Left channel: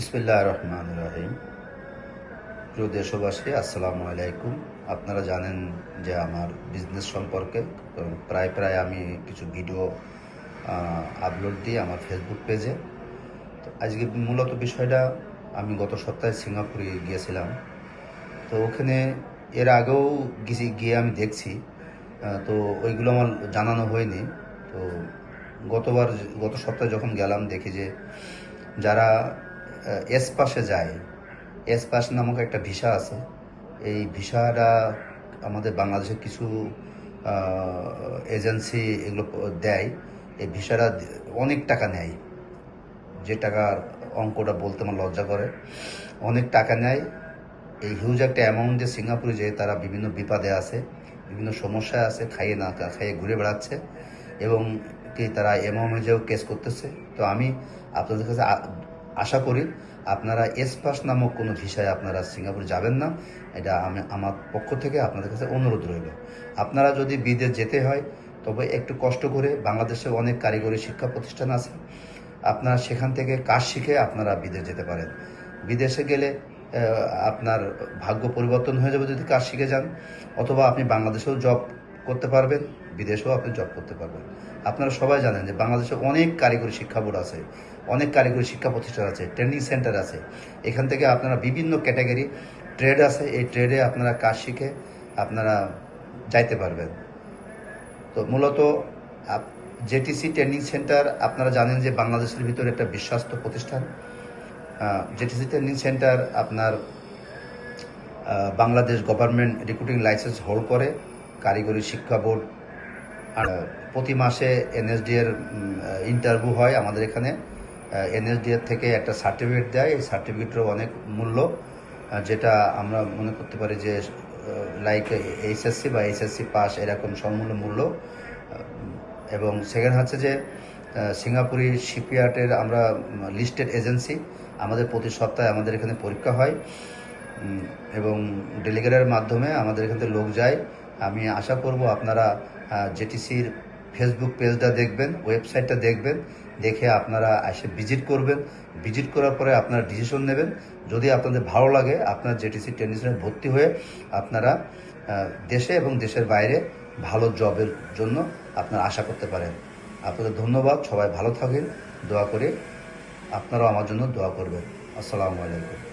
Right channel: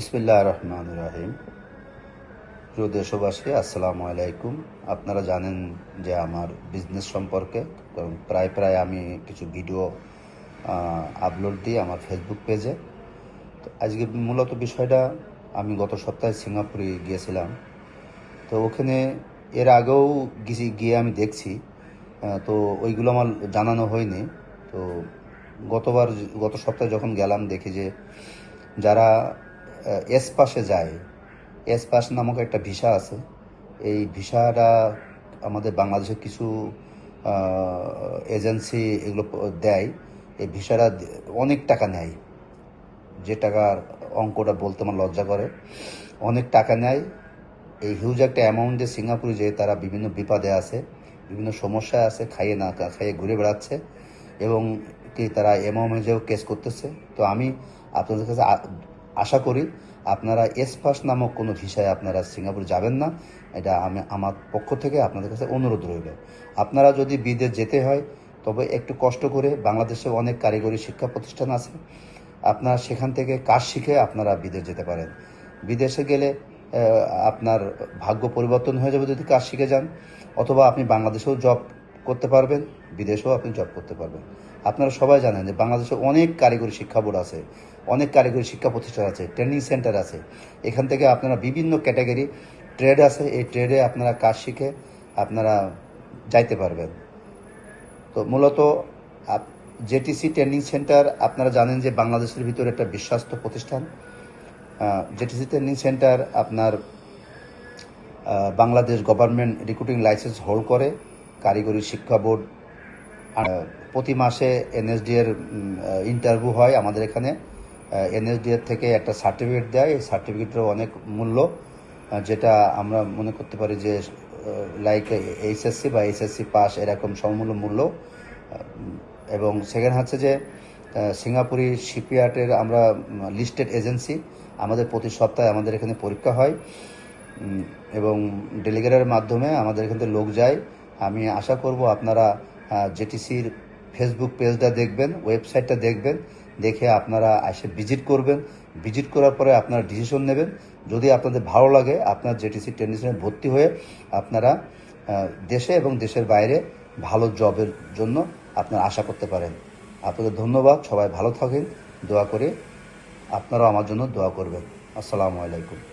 বিসমিল্লাহির রহমানির রহিম। প্রিয় দেশবাসী, আসসালামু আলাইকুম। আপনারা জানেন যে আমার বিজনেস সম্পর্কে প্রায় প্রায় আমি কিছু ভিডিও আপলোড দিই আমার ফেসবুক পেজে। তো আজকে মূলত বিষয়টা, আমি গত সপ্তাহে সিঙ্গাপুরে গিয়েছিলাম। তো ওখানে এর আগেও গিয়ে আমি দেখছি, তো ওইগুলো আমার জানানো হয়নি। তো গত সপ্তাহে যখন গেলাম দেখি যে যারা এস পাশে যায়, এস পাস নামক একটা ভিসা আছে। এই ভিসাটা আমাদের বাংলাদেশের কিছু এজেন্সি এগুলো দেয়। এই ভিসাটা অনেক টাকা নেয়, যে টাকার অঙ্কটা বলতে আমার লজ্জা করে। অনেক টাকা নেয়। এই হিউজ একটা অ্যামাউন্টে সিঙ্গাপুরে যেয়ে তারা বিভিন্ন বিপদে আছে, বিভিন্ন সমস্যায় আছে, খাইয়ে না খাইয়ে ঘুরে বেড়াচ্ছে এবং কি তারা এমএমএজেও কেস করতেছে। তো আমি আপনাদের কাছে আশা করি আপনারা এস পাস নামক কোনো ভিসায় আপনারা সিঙ্গাপুর যাবেন না। এটা আমি আমার পক্ষ থেকে আপনাদের কাছে অনুরোধ রইল। আপনারা যদি বিদেশ যেতে হয় তবে একটু কষ্ট করে, বাংলাদেশে অনেক কারিগরি শিক্ষা প্রতিষ্ঠান আছে, আপনারা সেখান থেকে কাজ শিখে আপনারা বিদেশ যেতে পারেন। বিদেশে গেলে আপনার ভাগ্য পরিবর্তন হয়ে যাবে যদি কাজ শিখে যান, অথবা আপনি বাংলাদেশেও জব করতে পারবেন, বিদেশেও আপনি জব করতে পারবেন। আপনারা সবাই জানেন যে বাংলাদেশে অনেক কারিগরি শিক্ষা বোর্ড আছে, অনেক কারিগরি শিক্ষা প্রতিষ্ঠান আছে, ট্রেনিং সেন্টার আছে। এখান থেকে আপনারা বিভিন্ন ক্যাটাগরি ট্রেড আছে, এই ট্রেডে আপনারা কাজ শিখে আপনারা যাইতে পারবেন। তো মূলত জেটিসি ট্রেনিং সেন্টার আপনারা জানেন যে বাংলাদেশের ভিতরে একটা বিশ্বস্ত প্রতিষ্ঠান। জেটিসি ট্রেনিং সেন্টার আপনার Bangladesh government recruiting licence hold করে। কারিগরি শিক্ষা বোর্ড প্রতি মাসে এনএসডি এর ইন্টারভিউ হয় আমাদের এখানে। এনএসডি এর থেকে একটা সার্টিফিকেট দেয়, এই সার্টিফিকেটেরও অনেক মূল্য, যেটা আমরা মনে করতে পারি যে লাইক এইচএসসি বা এইচএসসি পাস এরকম সমমূল্য মূল্য। এবং সেখানে হচ্ছে যে সিঙ্গাপুরি শিপইয়ার্ডের আমরা লিস্টেড এজেন্সি। আমাদের প্রতি সপ্তাহে আমাদের এখানে পরীক্ষা হয় এবং ডেলিগেটের মাধ্যমে আমাদের এখান থেকে লোক যায়। আমি আশা করব আপনারা জেটিসির ফেসবুক পেজটা দেখবেন, ওয়েবসাইটটা দেখবেন, দেখে আপনারা এসে ভিজিট করবেন। ভিজিট করার পরে আপনারা ডিসিশন নেবেন। যদি আপনাদের ভালো লাগে, আপনার জেটিসি ট্রেনিংয়ে ভর্তি হয়ে আপনারা দেশে এবং দেশের বাইরে ভালো জবের জন্য আপনারা আশা করতে পারেন। আপনাদের ধন্যবাদ। সবাই ভালো থাকেন, দোয়া করে আপনারাও আমার জন্য দোয়া করবেন। আসসালামু আলাইকুম।